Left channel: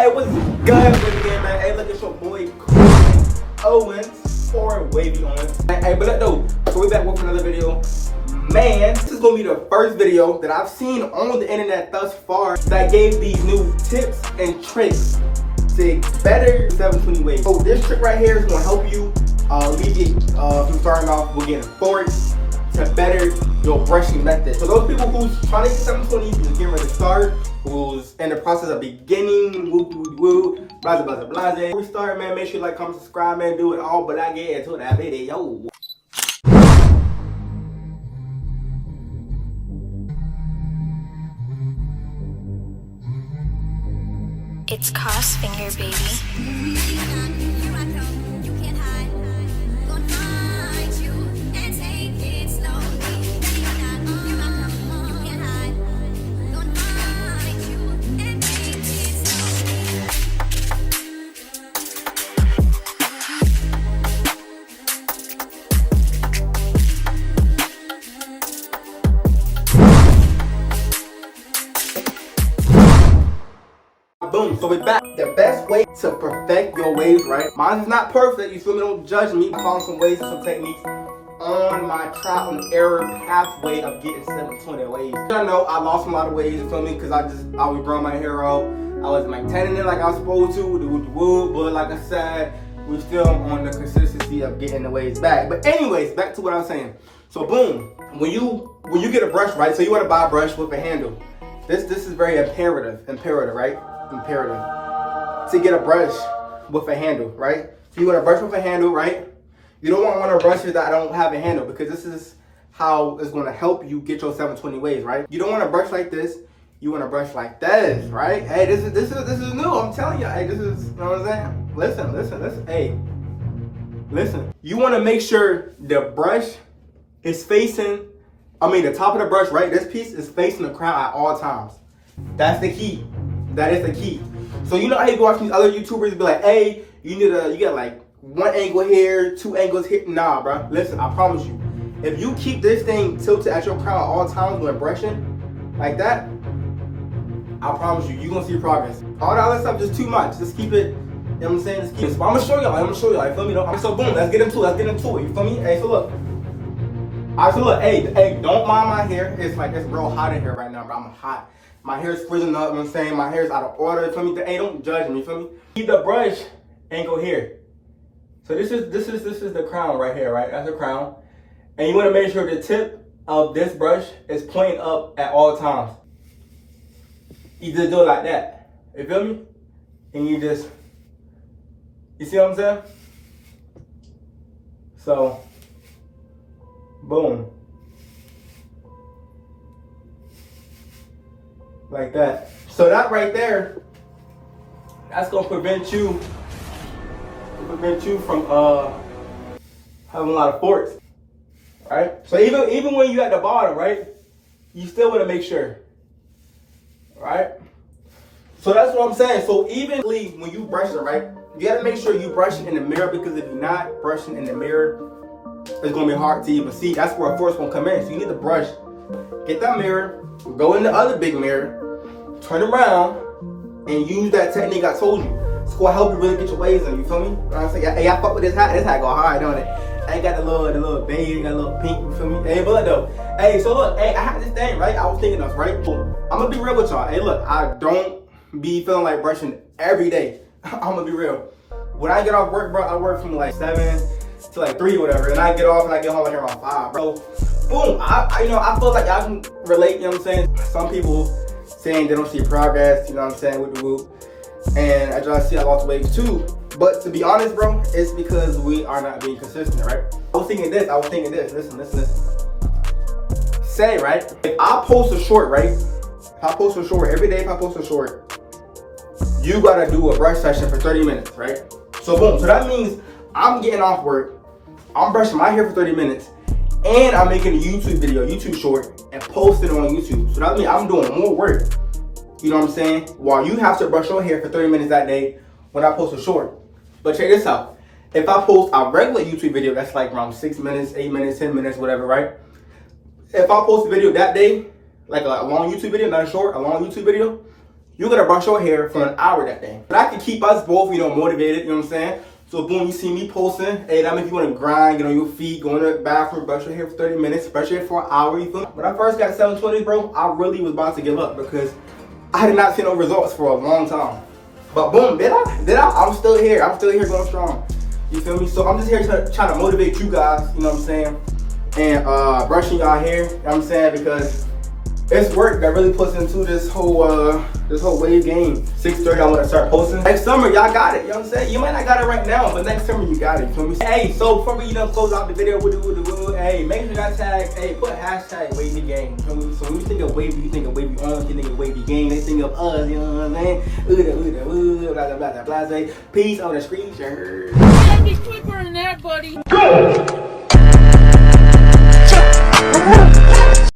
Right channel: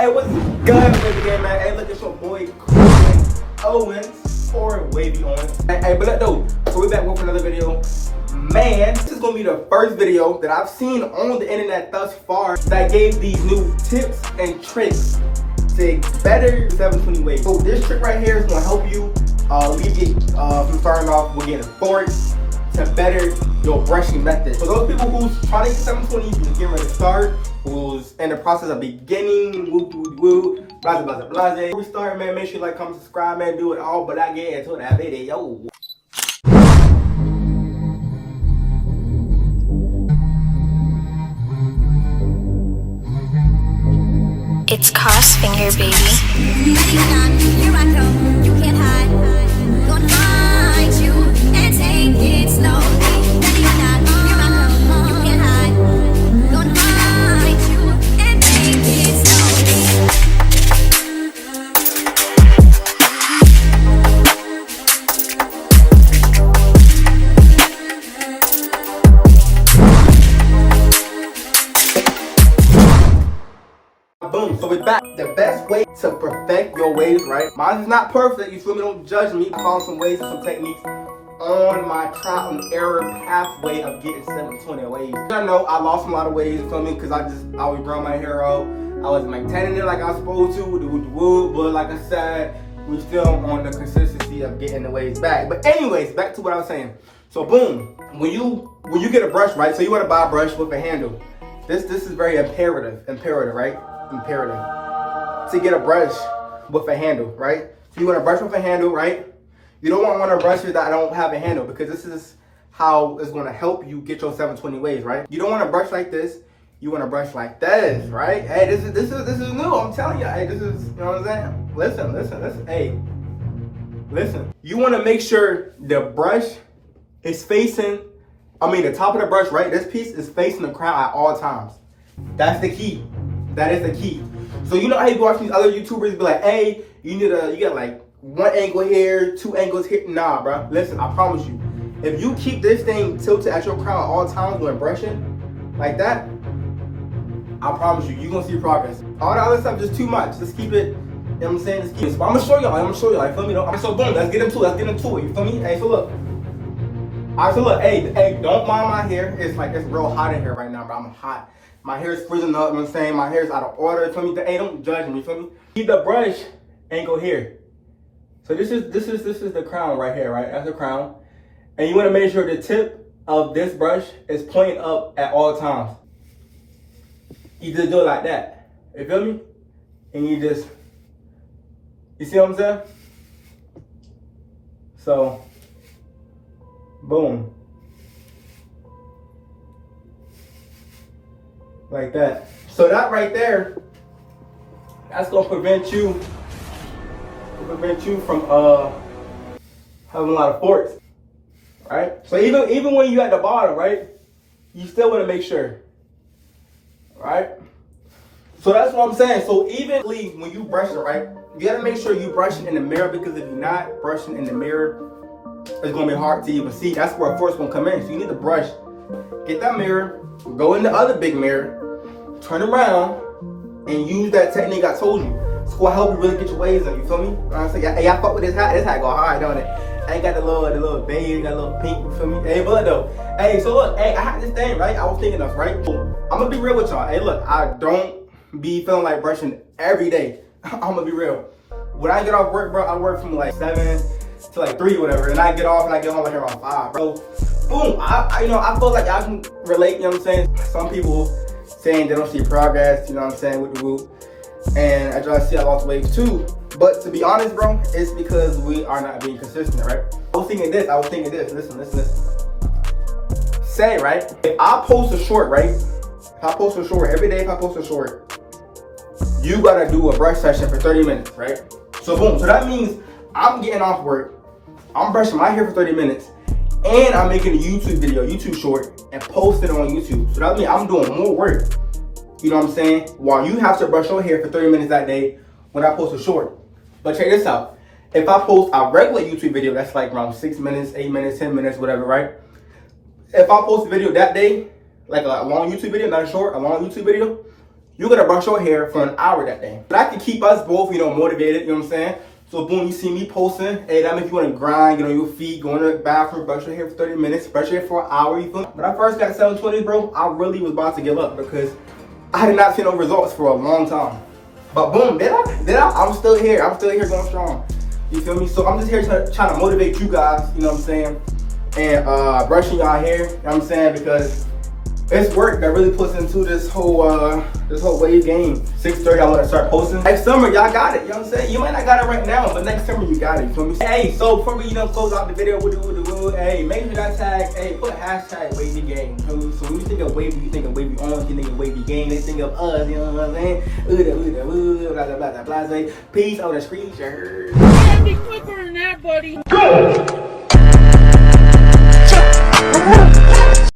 Hey, what's good, again, man? Hey, look at your boy Owens, or Wavy Owens. Hey, but though, so we back with another video. Man, this is gonna be the first video that I've seen on the internet thus far that gave these new tips and tricks to better 720 waves. So this trick right here is gonna help you alleviate from starting off with getting bored to better your brushing method. For those people who's trying to get 720, who's getting ready to start, who's in the process of beginning, woo, blah, blah, blah, blah. Before we start, man, make sure you like, comment, subscribe, man, do it all, but I get into that video. It's Crossfinger, baby. Here I come, you can't hide. Gonna find you and take it slowly. Ready or not, here I come, you can't hide. Gonna find you and take it slowly. Boom, so we're back. The best way to perfect your waves, right? Mine is not perfect, you feel me? Don't judge me. I found some ways and some techniques on my trial and error pathway of getting 720 waves. I know I lost a lot of waves, you feel me? Because I was growing my hair out. I wasn't maintaining it like I was supposed to, but like I said, we're still on the consistency of getting the waves back. But anyways, back to what I was saying. So boom, when you get a brush, right? So you want to buy a brush with a handle. This is very imperative, right? Imperative to get a brush with a handle, right? So you want a brush with a handle, right? You don't want one of the brushes that don't have a handle, because this is how it's going to help you get your 720 waves, right? You don't want a brush like this. You want a brush like this, right? Hey, this is new. I'm telling you. Hey, this is, you know what I'm saying? Listen. Hey, listen. You want to make sure the brush is facing, the top of the brush, right? This piece is facing the crown at all times. That's the key. That is the key. So you know how you go watch these other YouTubers be like, hey, you got like one angle here, two angles here. Nah, bro. Listen, I promise you, if you keep this thing tilted at your crown at all times when brushing like that, I promise you, you're gonna see progress. All the other stuff just too much. Just keep it, you know what I'm saying? Just keep it. But I'm gonna show y'all, feel me? So boom, let's get into it, you feel me? Hey, so look. Alright, so look, hey, don't mind my hair. It's real hot in here right now, bro. I'm hot. My hair is freezing up, you know what I'm saying? My hair is out of order, you feel me? Hey, don't judge me, you feel me? Keep the brush angle here. So this is the crown right here, right? That's the crown. And you want to make sure the tip of this brush is pointing up at all times. You just do it like that. You feel me? And you see what I'm saying? So, boom. Like that. So that right there, that's gonna prevent you from having a lot of forks, right? So even when you at the bottom, right, you still want to make sure, right? So that's what I'm saying. So even when you brush it, right, you gotta make sure you brushing in the mirror, because if you're not brushing in the mirror, it's gonna be hard to even see. That's where force gonna come in. So you need to brush. Get that mirror, go in the other big mirror, turn around, and use that technique I told you. It's gonna help you really get your waves on, you feel me? You know what I'm saying? Hey, I fuck with this hat. This hat go hard, don't it? I ain't got the little beige, got a little pink, you feel me? Hey, but though, hey, so look, hey, I had this thing, right? I was thinking of, right? I'm gonna be real with y'all. Hey, look, I don't be feeling like brushing every day. I'm gonna be real. When I get off work, bro, I work from like 7 to like 3 or whatever, and I get off and I get home like around 5, bro. Boom, I feel like y'all can relate, you know what I'm saying? Some people saying they don't see progress, you know what I'm saying, with the whoop. And I try to see I lost waves too. But to be honest, bro, it's because we are not being consistent, right? I was thinking this, listen. Say, right, if I post a short, right? If I post a short, every day if I post a short, you gotta do a brush session for 30 minutes, right? So boom, so that means I'm getting off work, I'm brushing my hair for 30 minutes, and I'm making a YouTube short, and post it on YouTube. So that means I'm doing more work, you know what I'm saying? While you have to brush your hair for 30 minutes that day when I post a short. But check this out. If I post a regular YouTube video, that's like around 6 minutes, 8 minutes, 10 minutes, whatever, right? If I post a video that day, like a long YouTube video, not a short, a long YouTube video, you gotta brush your hair for an hour that day. But I can keep us both, you know, motivated, you know what I'm saying? So boom, you see me posting, hey, that means you wanna grind, get on your feet, go in the bathroom, brush your hair for 30 minutes, brush your hair for an hour, you feel me? When I first got 720, bro, I really was about to give up because I had not seen no results for a long time. But boom, did I? I'm still here. I'm still here going strong. You feel me? So I'm just here trying to motivate you guys, you know what I'm saying? And brushing y'all hair, you know what I'm saying? Because it's work that really puts into this whole wave game. 6:30, I want to start posting. Next summer, y'all got it, you know what I'm saying? You might not got it right now, but next summer you got it, you feel me? Hey, so before we close out the video, hey, make sure you got tags, hey, put hashtag wavy game, you feel me? So when you think of wavy, you think of wavy arms, you think of wavy game, they think of us, you know what I'm saying? Blah, blah, blah, blah, blah. Peace on the screen, sure. Be quicker than that, buddy. Go!